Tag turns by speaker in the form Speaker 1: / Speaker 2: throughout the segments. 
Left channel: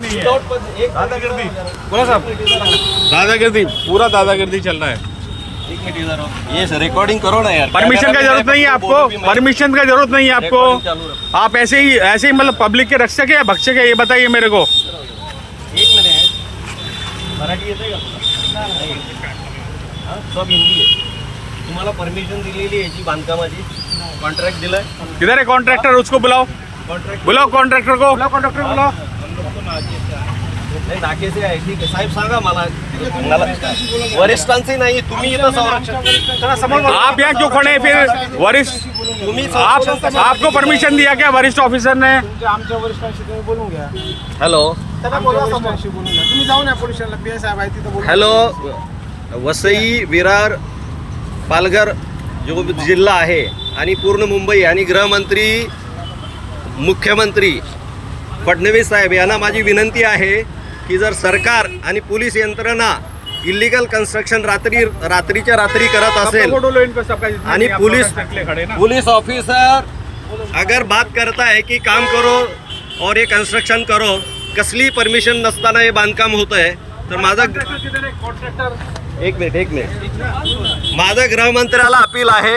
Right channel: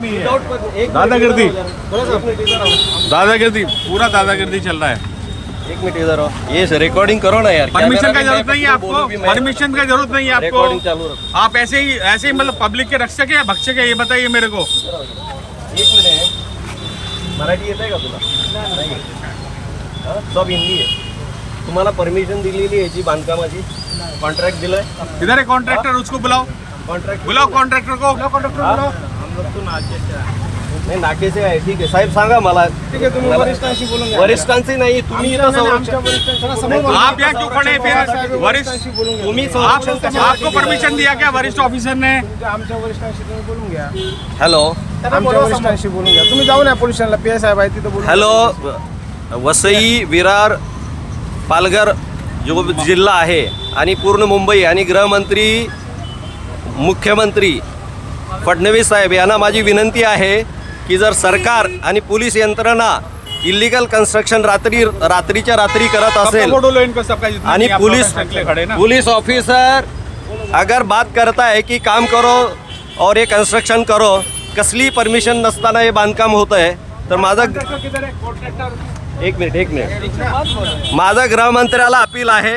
Speaker 1: है। दादागिर्दी बोलो साहब। दादागिर्दी पूरा दादागिर्दी चल रहा है।
Speaker 2: एक मिनट इधर आओ। ये रिकॉर्डिंग करो ना यार।
Speaker 1: परमिशन का ज़रूरत नहीं है आपको। परमिशन का ज़रूरत नहीं है आपको।
Speaker 2: चालू
Speaker 1: आप ऐसे ही ऐसे ही मतलब पब्लिक के रक्षक है भक्षक है ये बताइए मेरे को।
Speaker 2: एक मिनिट आहे मराठी येत आहे का तुला? नाही सब हिंदी आहे. तुम्हाला परमिशन दिलेली आहे याची बांधकामाची? कॉन्ट्रॅक्ट दिलंय?
Speaker 1: किधर है? कॉन्ट्रैक्टर उसको बुलाओ।
Speaker 2: कॉन्ट्रॅक्ट
Speaker 1: बुलाओ कॉन्ट्रैक्टर को। बुलाओ कॉन्ट्रैक्टर
Speaker 2: हाँ?
Speaker 1: बुलाओ।
Speaker 2: नाही नाकेचे आहे ठीक आहे. साहेब सांगा मला. मला- वरिष्ठांची नाही तुम्ही इथं संरक्षण
Speaker 1: हैं वरिष्ठ
Speaker 2: तुम्ही संरक्षण
Speaker 1: आपको परमिशन दिया क्या वरिष्ठ ऑफिसर ने।
Speaker 3: आमच्या वरिष्ठांशी तुम्ही बोलून घ्या.
Speaker 2: हॅलो
Speaker 3: त्यांना बोलवा वरिष्ठांशी बोलून घ्या. तुम्ही जाऊन या पोलीस स्टेशनला. पी एस साहेब आहे तिथं बोलून
Speaker 2: हॅलो वसई विरार पालघर जो जिल्हा आहे आणि पूर्ण मुंबई आणि गृहमंत्री मुख्यमंत्री फडणवीस साहेब यांना माझी विनंती आहे की जर सरकार आणि पोलीस यंत्रणा इलिगल कन्स्ट्रक्शन रात्री रात्रीच्या रात्री करत असेल आणि पुलिस पुलिस ऑफिसर अगर बात करता है की काम करो और हे कन्स्ट्रक्शन करो कसली परमिशन नसताना हे बांधकाम होत आहे तर माझं एक मिनिट एक मिनिट. माझं गृहमंत्र्याला अपील आहे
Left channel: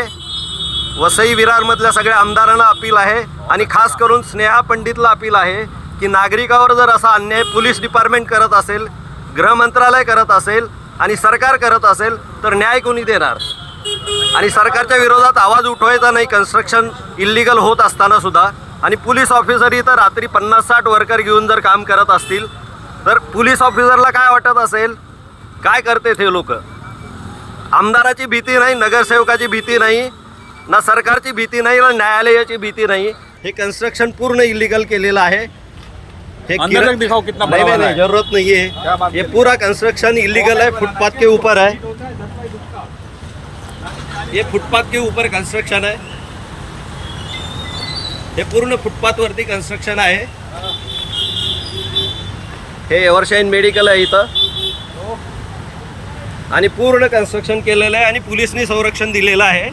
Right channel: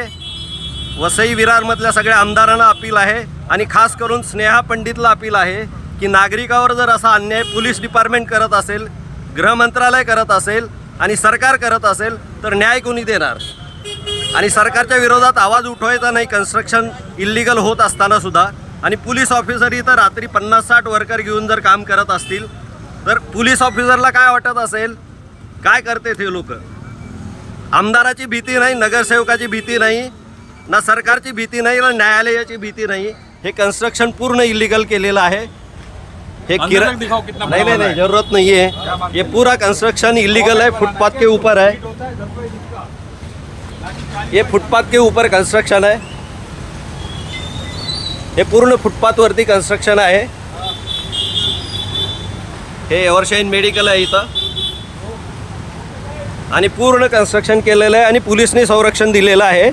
Speaker 2: वसई विरारमधल्या सगळ्या आमदारांना अपील आहे आणि खास करून स्नेहा पंडितला अपील आहे की नागरिकावर जर असा अन्याय पोलीस डिपार्टमेंट करत असेल गृहमंत्रालय करत असेल आणि सरकार करत असेल तर न्याय कोणी देणार? आणि सरकारच्या विरोधात आवाज उठवायचा नाही कन्स्ट्रक्शन इल्लिगल होत असताना सुद्धा. आणि पोलीस ऑफिसर इथं रात्री पन्नास साठ वर्कर घेऊन जर काम करत असतील तर पोलीस ऑफिसरला काय वाटत असेल? काय करते ते लोक? आमदाराची भीती नाही नगरसेवकाची भीती नाही ना सरकारची भीती नाही ना न्यायालयाची भीती नाही. हे कन्स्ट्रक्शन पूर्ण इलिगल केलेलं आहे. हे किरा-
Speaker 1: तक दिखाओ कितना
Speaker 2: नहीं नहीं नहीं
Speaker 1: है।
Speaker 2: जरूरत नहीं है। ये पूरा कंस्ट्रक्शन इलीगल है फुटपाथ के ऊपर है। ये फुटपाथ के ऊपर कंस्ट्रक्शन है। हे पूर्ण फुटपाथ वरती कंस्ट्रक्शन आहे। हे एव्हरशाईन मेडिकल आहे इथं। आणि पूर्ण कन्स्ट्रक्शन केलेलं आहे आणि पोलिसने संरक्षण दिलेलं आहे.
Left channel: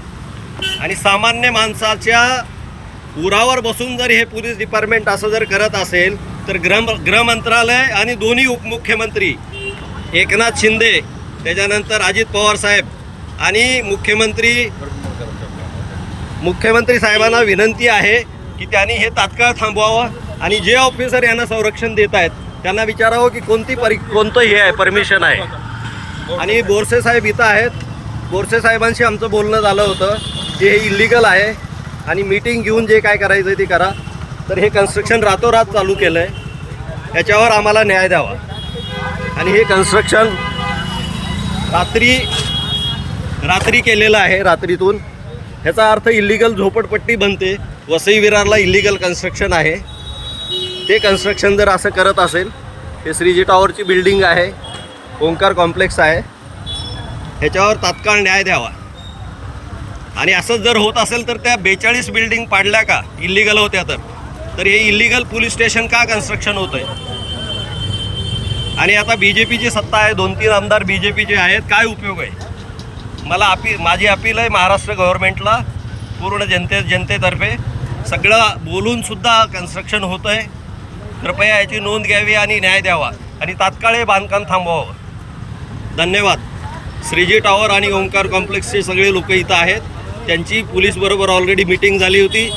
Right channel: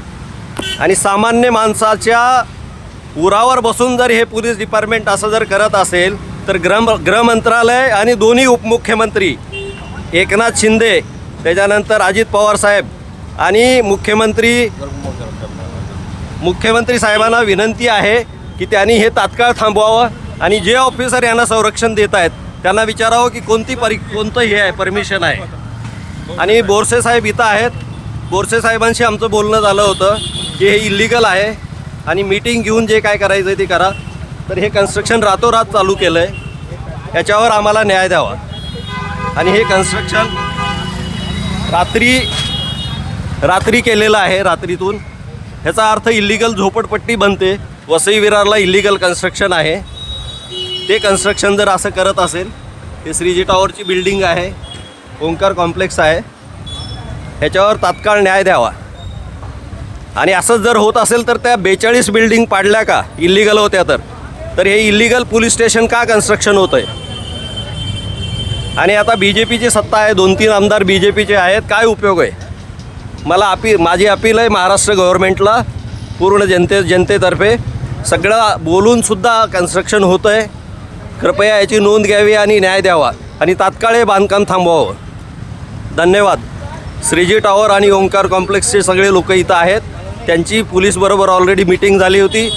Speaker 2: आणि सामान्य माणसाच्या उरावर बसून जर हे पोलीस डिपार्टमेंट असं जर करत असेल तर ग्रह गृहमंत्रालय आणि दोन्ही उपमुख्यमंत्री एकनाथ शिंदे त्याच्यानंतर अजित पवार साहेब आणि मुख्यमंत्री मुख्यमंत्री साहेबांना विनंती आहे की त्यांनी हे तात्काळ थांबवावं आणि जे ऑफिसर यांना संरक्षण देत आहेत त्यांना विचारावं की कोणती परि कोणतं हे आहे परमिशन आहे. आणि बोरसे साहेब इथं आहेत. बोरसे साहेबांशी आमचं बोलणं झालं होतं की हे इलिगल आहे आणि मीटिंग घेऊन जे काय करायचं आहे ते करा. तर हे कन्स्ट्रक्शन रातोरात चालू केलं आहे याच्यावर आम्हाला न्याय द्यावा. आणि हे कन्स्ट्रक्शन रात्री रात्री केलेलं आहे रात्रीतून. ह्याचा अर्थ इलिगल झोपडपट्टी बनते. वसई विरारला इलिगल कन्स्ट्रक्शन आहे. ते कन्स्ट्रक्शन जर असं करत असेल हे श्रीजी टॉवरची बिल्डिंग आहे. ओंकार कॉम्प्लेक्स आहे. ह्याच्यावर तात्काळ न्याय द्यावा. आणि असंच जर होत असेल तर त्या बेचाळीस बिल्डिंग पाडल्या का? इलिगल होत्या तर. तर हे इलिगल पोलीस स्टेशन का कन्स्ट्रक्शन होतं आहे आणि आता बी जे पीची सत्ता आहे दोन तीन आमदार बी जे पीचे आहेत काय उपयोग आहे? मला अपी माझी अपील आहे महाराष्ट्र गव्हर्नमेंटला पूर्ण जनते जनतेतर्फे सगळं बोलूनसुद्धा कन्स्ट्रक्शन होतं आहे कृपया याची नोंद घ्यावी आणि न्याय द्यावा आणि तात्काळ हे बांधकाम थांबवावं. धन्यवाद. श्रीजी टॉवर आणि ओंकार कॉम्प्लेक्सचे सगळे लोक इथं आहेत. त्यांची पोलीसबरोबर ऑलरेडी मिटिंग झाली होती.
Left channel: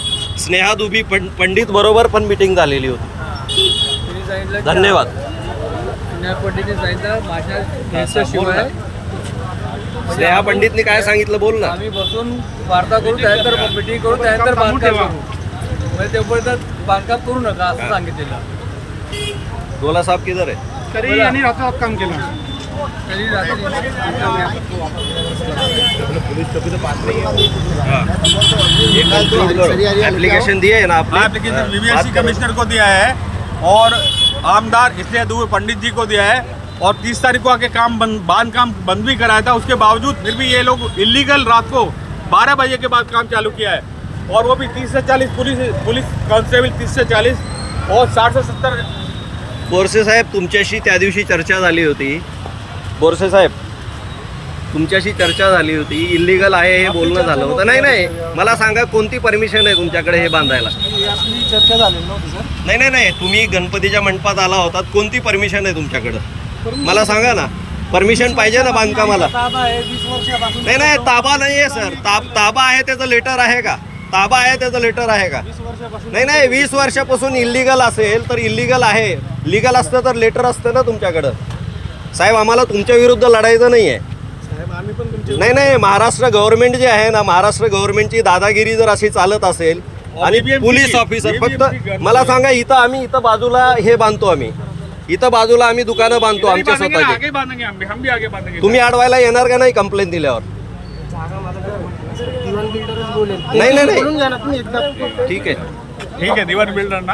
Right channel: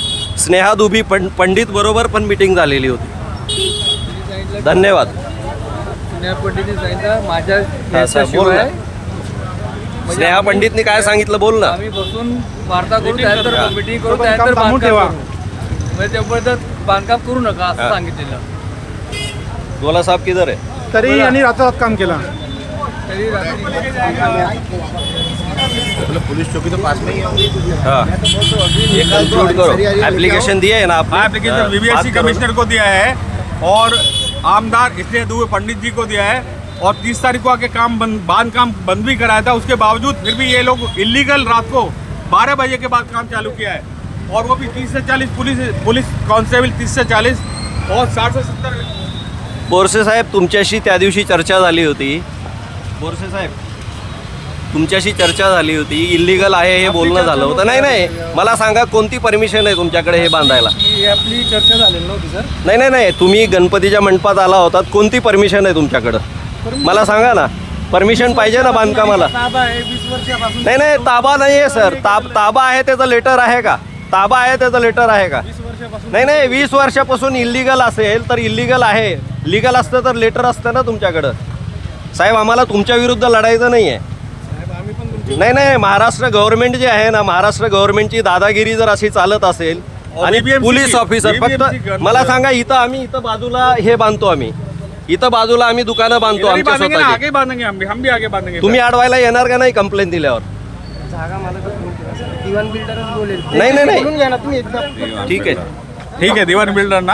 Speaker 2: स्नेहा दुबी पं पंडितबरोबर पण मिटिंग झालेली होती. धन्यवाद.
Speaker 4: स्नेहा पंडितने सांगितलं माझ्या शिवाय
Speaker 2: ना. स्नेहा पंडितनी काय सांगितलं बोल ना.
Speaker 4: आम्ही बसून वार्ता करू त्यानंतर मिटिंग करू त्यानंतर
Speaker 3: बांधकाम.
Speaker 4: करू. म्हणजे तोपर्यंत बांधकाम करू नका असं. सांगितलेलं.
Speaker 2: गोला साहेब किधर आहे?
Speaker 3: तरी यांनी रात्रात काम केलं.
Speaker 2: एप्लीकेशन दिए है ना आपने?
Speaker 1: हाँ एप्लीकेशन
Speaker 2: हाँ, बात
Speaker 1: बीबीएमसी
Speaker 2: करो। ना।
Speaker 1: कमिश्नर को दिया है और आमदार इसलिए दुबे पंडित जी को दिया है और तीस तारीख को आके काम बंद बाँध काम बंद भी कराया था। उसके बावजूद फिर भी ये लोग इलीगल रात को बारह बजे के बाद काम चालू किया है। और वो भी तीस से चालीस पुलिस पुलिस कांस्टेबल तीस से चालीस और साठ से सत्तर
Speaker 2: बोरसे साहेब तुमच्याशी त्या दिवशी चर्चा झाली होती। बोरसे साहेब तुमच्याशी चर्चा झाली होती इलिगल आहे हे बोलणं झालं होतं. नाही नाही मला सांगा कोणती परमिशन आहे तुमच्याकडे हे बांधायला?
Speaker 3: आपली चर्चा झालेली नव्हती सर.
Speaker 2: नाही नाही नाही तुम्ही गणपतीच्या मंडपात आला होतात कोणती परमिशन आहे तुमच्याकडं? मला सांगा ना परमिशन पाहिजे ना बांधकामाला? नाही नाही ताबा नाही आहे सर. ताब ताबा आहे त्याचं लेटर आहे का? ताबा आहे त्याचं लेटर आहे का? नाही नाही वीस वर्षापासून इलिगल असेल तर इलिगल आहे. लिगल असतं तर लेटर असतं ना तुमच्याकडं. साहेब आम्हाला तुमच्या विरुद्ध लढायचं नाही आहे
Speaker 3: साहेब आम्ही पण तुमचे
Speaker 2: नाही नाही महाराष्ट्र गव्हर्नमेंट जे आहे ना महाराष्ट्र गव्हर्नमेंटची दादागिरी जर अशी चालत असेल आणि पोलीस ऑफिसर फक्त मला सांगा इथं आम्ही इथं बाजूला हे बांधतो आम्ही. इथं बाजूला आम्ही दुकानं बांधतो आमच्या स्वतःची.
Speaker 1: बांधेंगे
Speaker 2: तुम्ही अडवायला येणार का नाही कंप्लेंट दिल्यावर? नाही, नाही, ठीक आहे.
Speaker 1: ठीक है दीवान बिल्डर ना.